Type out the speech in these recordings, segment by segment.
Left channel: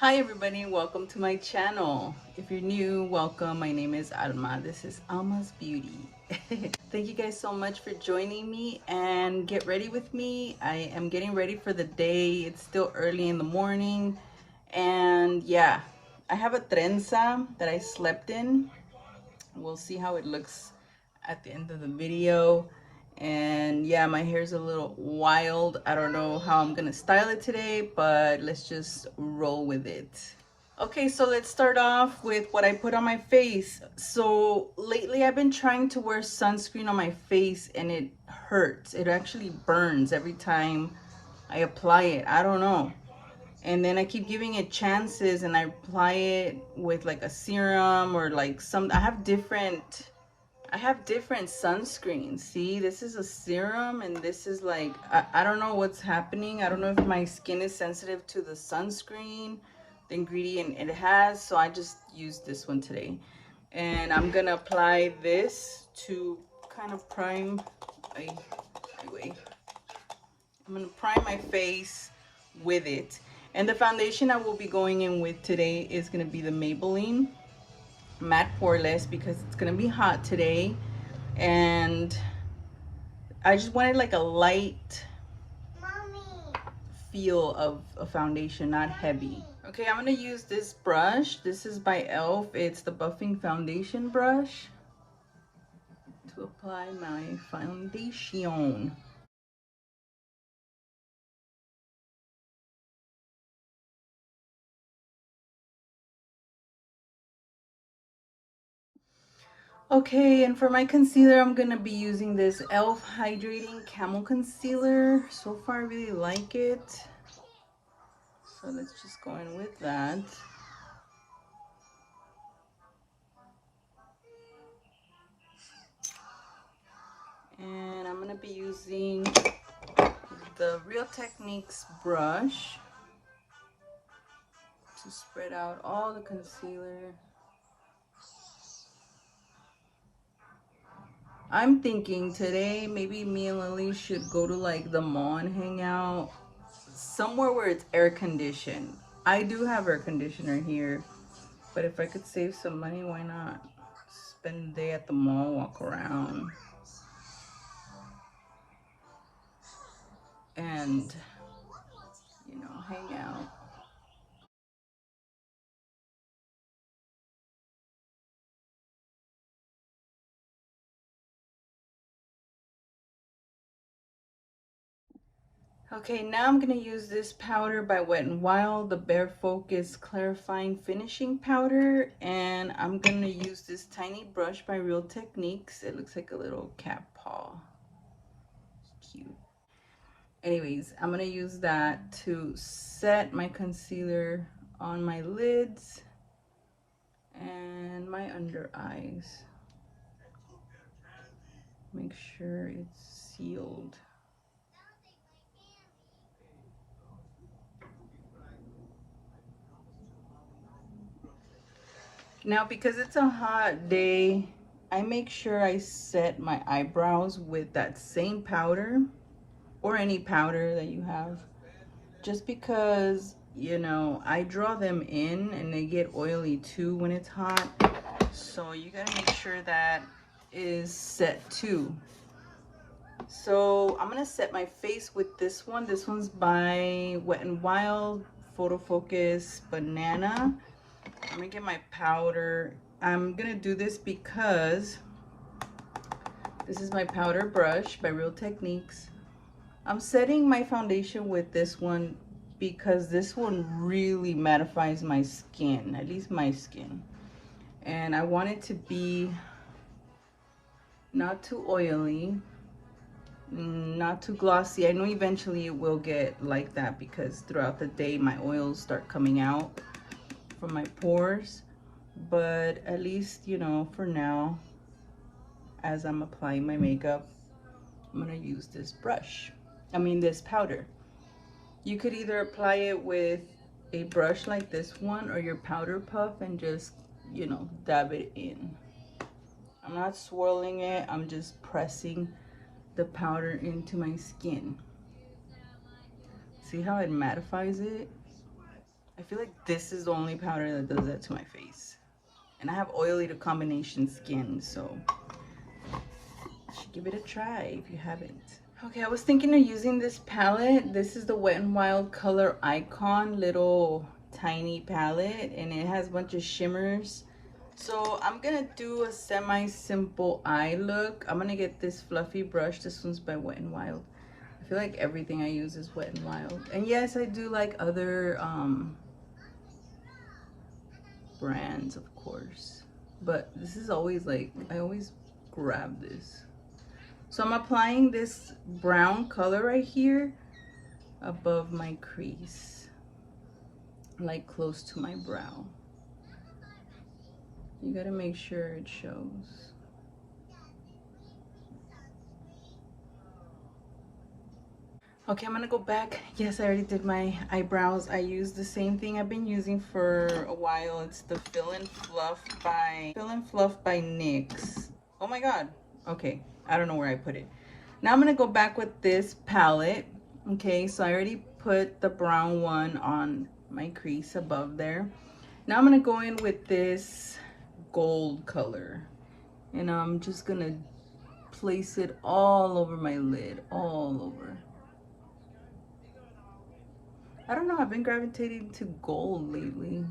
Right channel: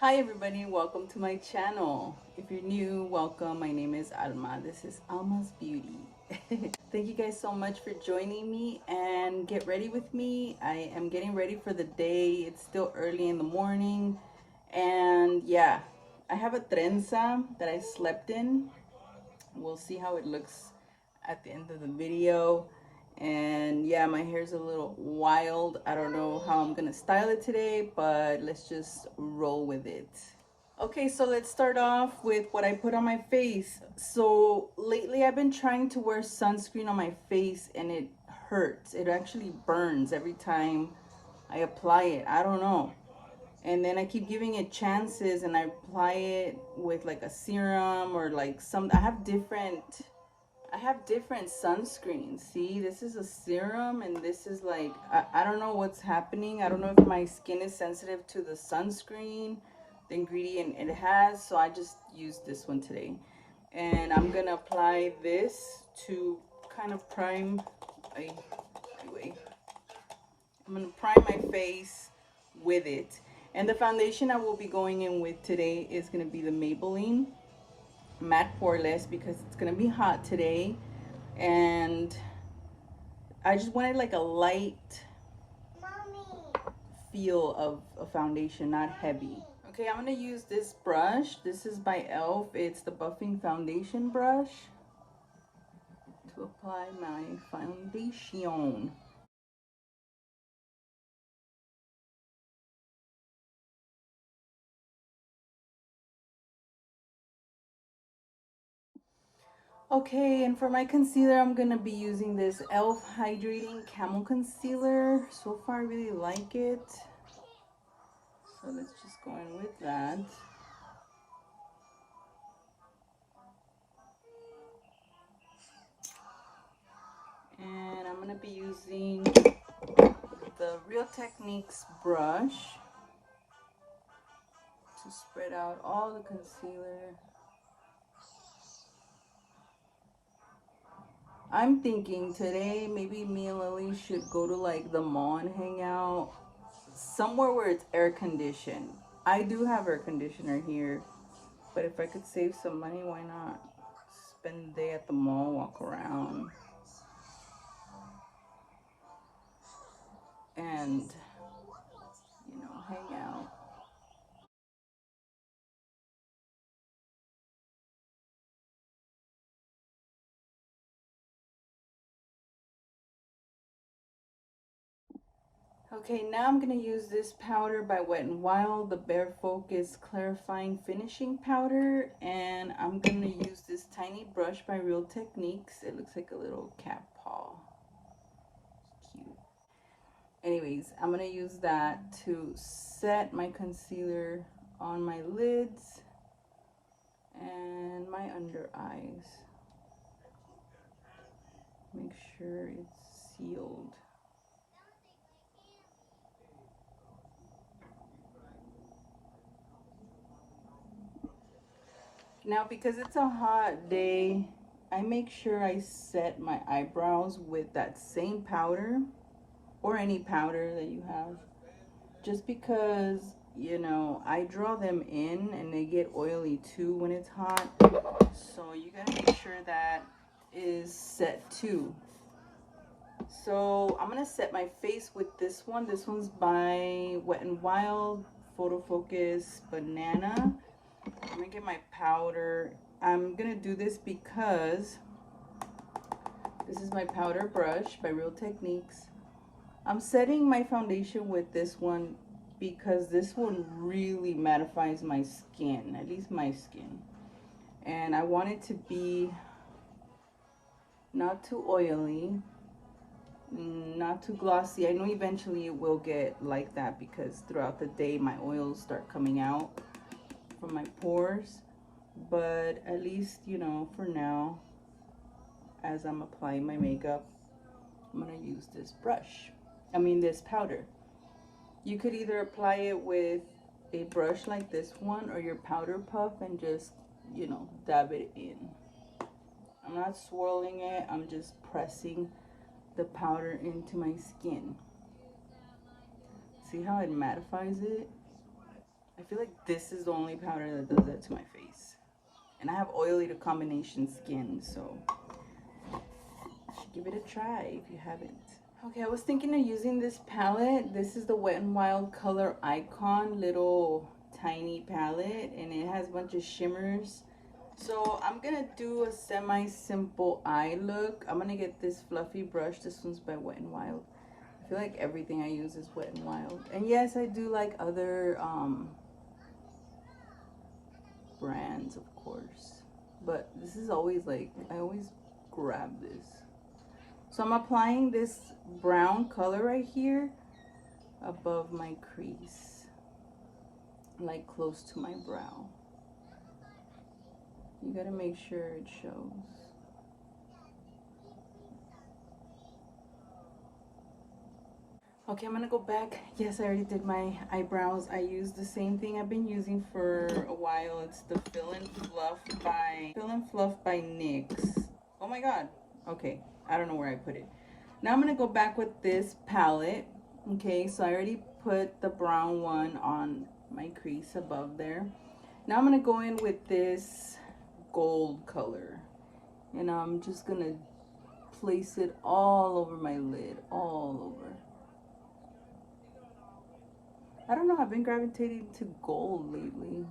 Hi everybody, welcome to my channel. If you're new, welcome. My name is Alma. This is Alma's Beauty. Thank you guys so much for joining me and get ready with me. I am getting ready for the day. It's still early in the morning and yeah, I have a trenza that I slept in. We'll see how it looks at the end of the video. And yeah, my hair's a little wild. I don't know how I'm gonna style it today, but let's just roll with it. Okay, so let's start off with what I put on my face. So lately I've been trying to wear sunscreen on my face and it hurts. It actually burns every time I apply it. I don't know. And then I keep giving it chances and I apply it with like a serum or like some I have different sunscreens. See, this is a serum and this is like I don't know what's happening. I don't know if my skin is sensitive to the sunscreen, the ingredient it has. So I just used this one today. And I'm gonna apply this to kind of prime anyway. I'm gonna prime my face with it. And the foundation I will be going in with today is gonna be the Maybelline Matte Poreless because it's gonna be hot today. And I just wanted like a light feel of a foundation, not heavy. Okay, I'm gonna use this brush. This is by e.l.f. It's the buffing foundation brush to apply my foundation. Okay, and for my concealer, I'm gonna be using this e.l.f. Hydrating Camel Concealer. So far, I really like it. So let's just go in with that. And I'm gonna be using the Real Techniques brush to spread out all the concealer. I'm thinking today maybe me and Lily should go to like the mall and hang out somewhere where it's air conditioned. I do have air conditioner here, but if I could save some money, why not? Spend the day at the mall, walk around, and hang out. Okay, now I'm gonna use this powder by Wet n Wild, the Bare Focus Clarifying Finishing Powder, and I'm gonna use this tiny brush by Real Techniques. It looks like a little cat paw. Cute. Anyways, I'm gonna use that to set my concealer on my lids and my under eyes. Make sure it's sealed. Now, because it's a hot day, I make sure I set my eyebrows with that same powder or any powder that you have. Just because, I draw them in and they get oily too when it's hot. So you gotta make sure that is set too. So I'm gonna set my face with this one. This one's by Wet n Wild Photo Focus Banana. I'm gonna get my powder. I'm gonna do this because this is my powder brush by Real Techniques. I'm setting my foundation with this one because this one really mattifies my skin, at least my skin. And I want it to be not too oily, not too glossy. I know eventually it will get like that because throughout the day my oils start coming out from my pores. But at least, for now, as I'm applying my makeup, I'm gonna use this brush. This powder. You could either apply it with a brush like this one or your powder puff and just, dab it in. I'm not swirling it, I'm just pressing the powder into my skin. See how it mattifies it? I feel like this is the only powder that does that to my face. And I have oily to combination skin, so you should give it a try if you haven't. Okay, I was thinking of using this palette. This is the Wet n Wild Color Icon little tiny palette, and it has a bunch of shimmers. So I'm gonna do a semi-simple eye look. I'm gonna get this fluffy brush. This one's by Wet n Wild. I feel like everything I use is Wet n Wild. And yes, I do like other brands, of course. But this is always like, I always grab this. So I'm applying this brown color right here above my crease, like close to my brow. You gotta make sure it shows. Okay, I'm gonna go back. Yes, I already did my eyebrows. I use the same thing I've been using for a while. It's the Fill and Fluff by NYX. Oh my god. Okay, I don't know where I put it. Now I'm gonna go back with this palette. Okay, so I already put the brown one on my crease above there. Now I'm gonna go in with this gold color, and I'm just gonna place it all over my lid, all over. I don't know, I've been gravitating to gold lately.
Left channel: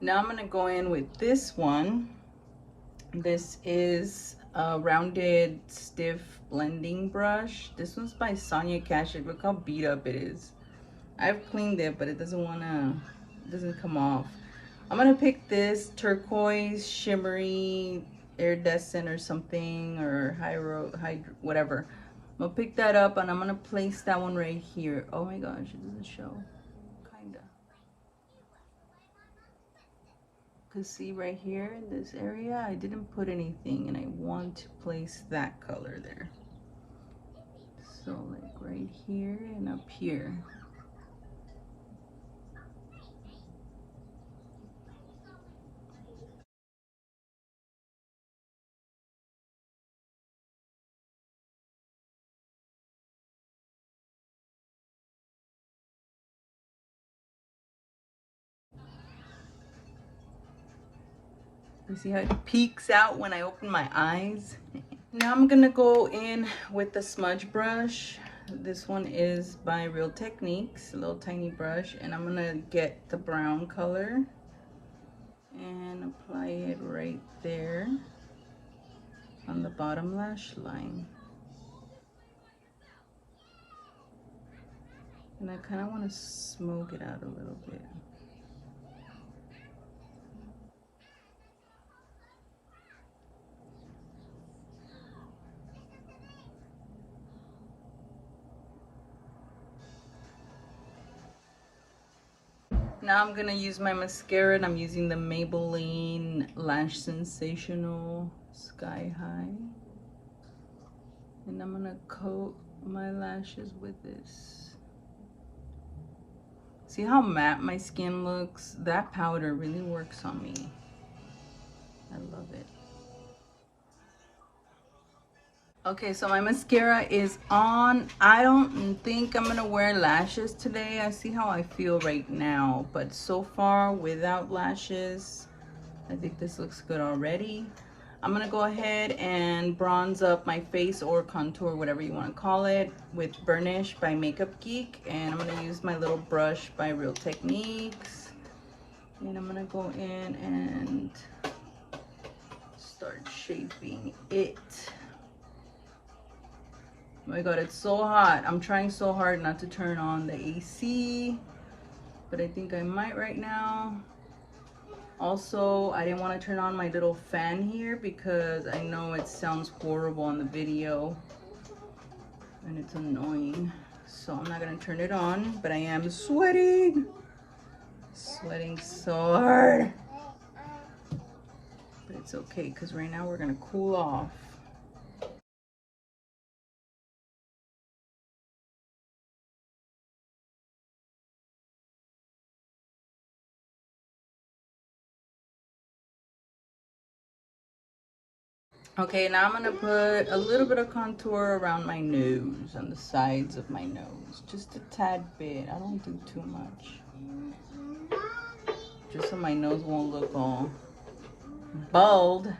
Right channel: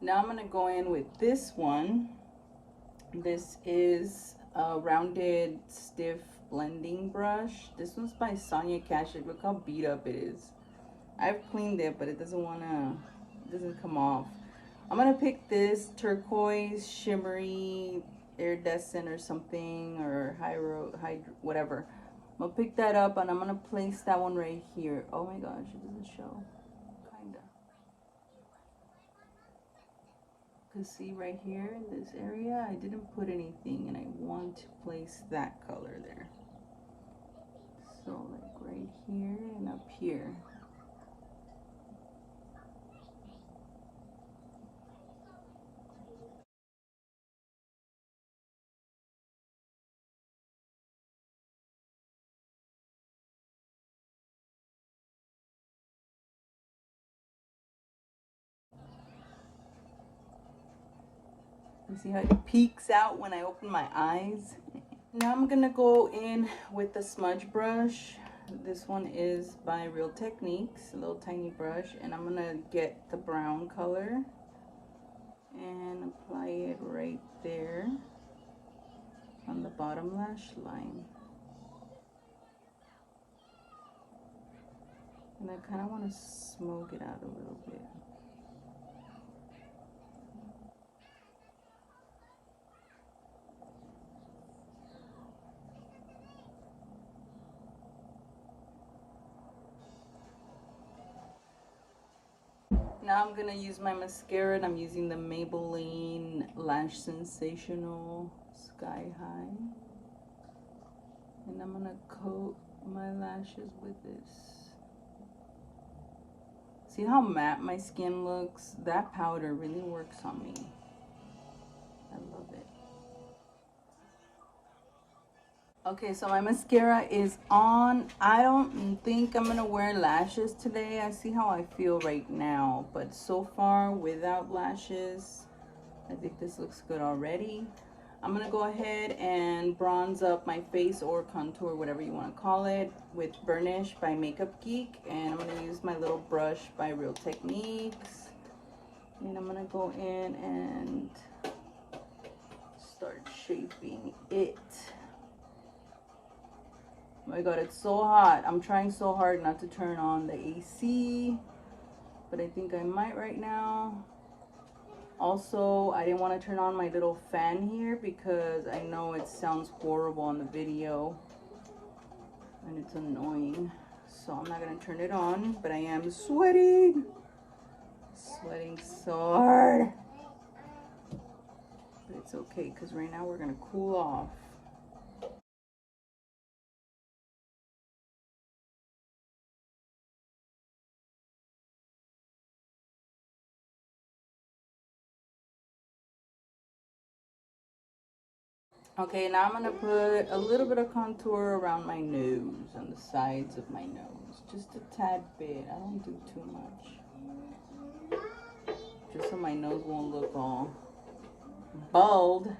Now I'm gonna go in with this one. This is a rounded stiff blending brush. This one's by Sonia Kashuk. Look how beat up it is. I've cleaned it, but it doesn't come off. I'm gonna pick this turquoise shimmery iridescent or something, or whatever. I'm gonna pick that up and I'm gonna place that one right here. Oh my gosh, it doesn't show. Kinda. Cause see right here in this area, I didn't put anything, and I want to place that color there. So like right here and up here. You see how it peeks out when I open my eyes? Now I'm gonna go in with the smudge brush. This one is by Real Techniques, a little tiny brush, and I'm gonna get the brown color and apply it right there on the bottom lash line. And I kind of want to smoke it out a little bit. Now I'm gonna use my mascara, and I'm using the Maybelline Lash Sensational Sky High. And I'm gonna coat my lashes with this. See how matte my skin looks? That powder really works on me. I love it. Okay, so my mascara is on. I don't think I'm gonna wear lashes today. I see how I feel right now, but so far without lashes, I think this looks good already. I'm gonna go ahead and bronze up my face, or contour, whatever you want to call it, with Burnish by Makeup Geek, and I'm gonna use my little brush by Real Techniques, and I'm gonna go in and start shaping it. Oh my god, it's so hot. I'm trying so hard not to turn on the AC, but I think I might right now. Also, I didn't want to turn on my little fan here because I know it sounds horrible on the video and it's annoying. So I'm not going to turn it on, but I am sweating. Sweating so hard. But it's okay because right now we're going to cool off. Okay, now I'm gonna put a little bit of contour around my nose, on the sides of my nose. Just a tad bit. I don't do too much. Just so my nose won't look all bald.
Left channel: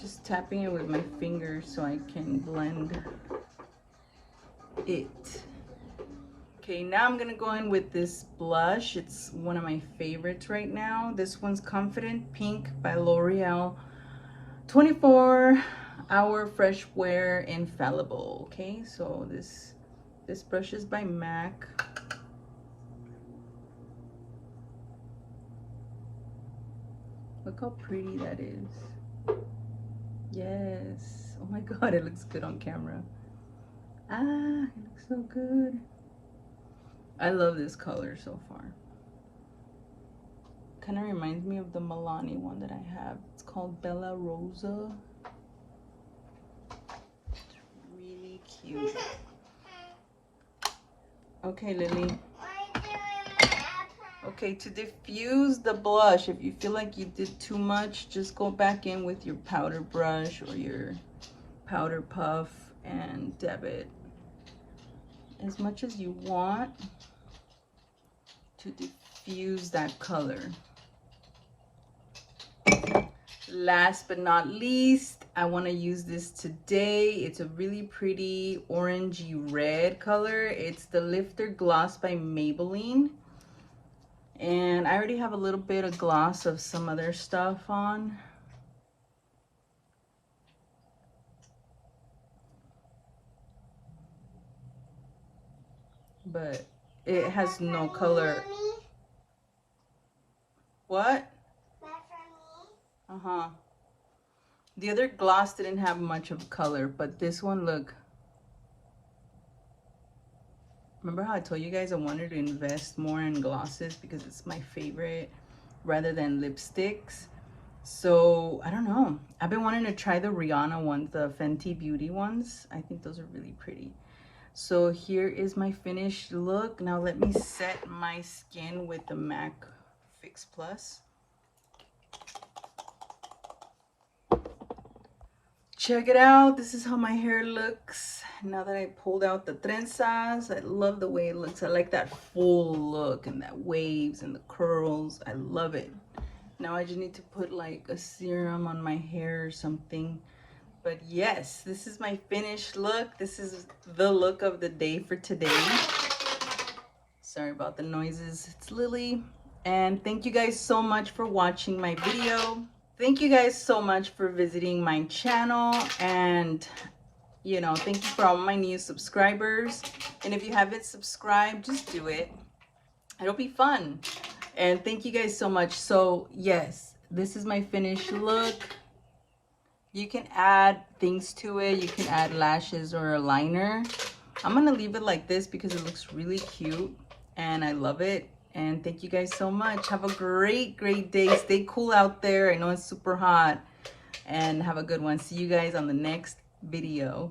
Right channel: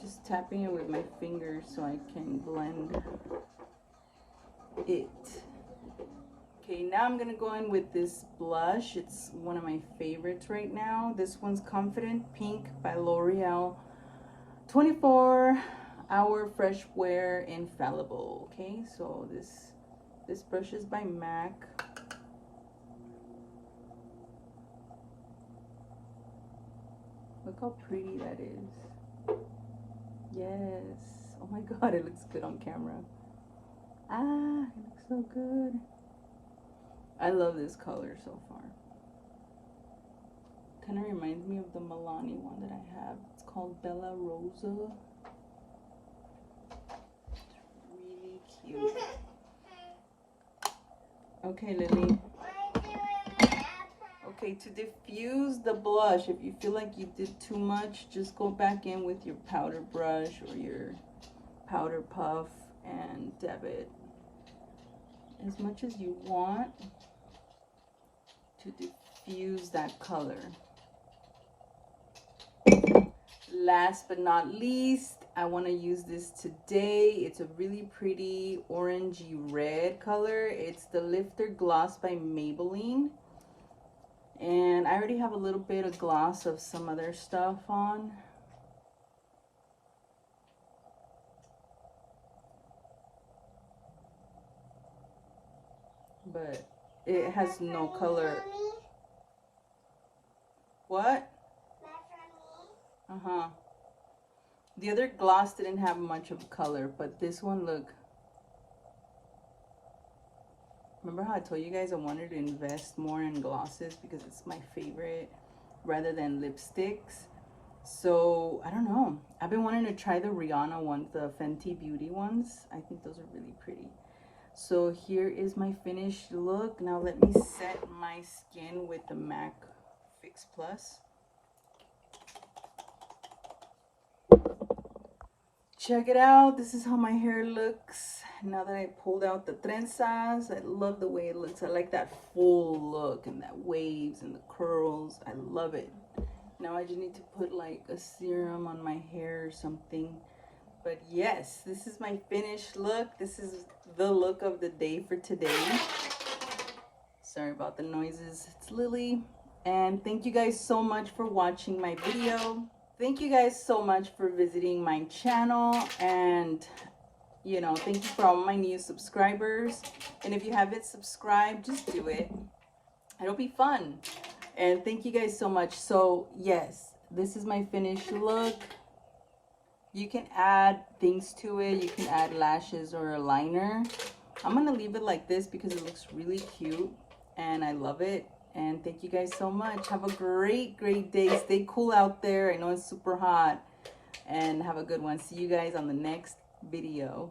Just tapping it with my fingers so I can blend it. Okay, now I'm gonna go in with this blush. It's one of my favorites right now. This one's Confident Pink by L'Oreal. 24-hour fresh wear infallible. Okay, so this brush is by MAC. Look how pretty that is. Yes. Oh my god, it looks good on camera. Ah, it looks so good. I love this color so far. Kind of reminds me of the Milani one that I have. It's called Bella Rosa. It's really cute. Okay, Lily. Okay, to diffuse the blush, if you feel like you did too much, just go back in with your powder brush or your powder puff and dab it as much as you want to diffuse that color. Last but not least, I want to use this today. It's a really pretty orangey red color. It's the Lifter Gloss by Maybelline. And I already have a little bit of gloss of some other stuff on. But it has no color. What? Uh-huh. The other gloss didn't have much of color, but this one, look. Remember how I told you guys I wanted to invest more in glosses because it's my favorite rather than lipsticks? So, I don't know. I've been wanting to try the Rihanna ones, the Fenty Beauty ones. I think those are really pretty. So here is my finished look. Now let me set my skin with the MAC Fix Plus. Check it out. This is how my hair looks now that I pulled out the trenzas. I love the way it looks. I like that full look and that waves and the curls. I love it. Now I just need to put like a serum on my hair or something. But yes, this is my finished look. This is the look of the day for today. Sorry about the noises. It's Lily. And thank you guys so much for watching my video. Thank you guys so much for visiting my channel. And, you know, thank you for all my new subscribers. And if you haven't subscribed, just do it. It'll be fun. And thank you guys so much. So, yes, this is my finished look. You can add things to it. You can add lashes or a liner. I'm going to leave it like this because it looks really cute and I love it. And thank you guys so much. Have a great, great day. Stay cool out there. I know it's super hot. And have a good one. See you guys on the next video.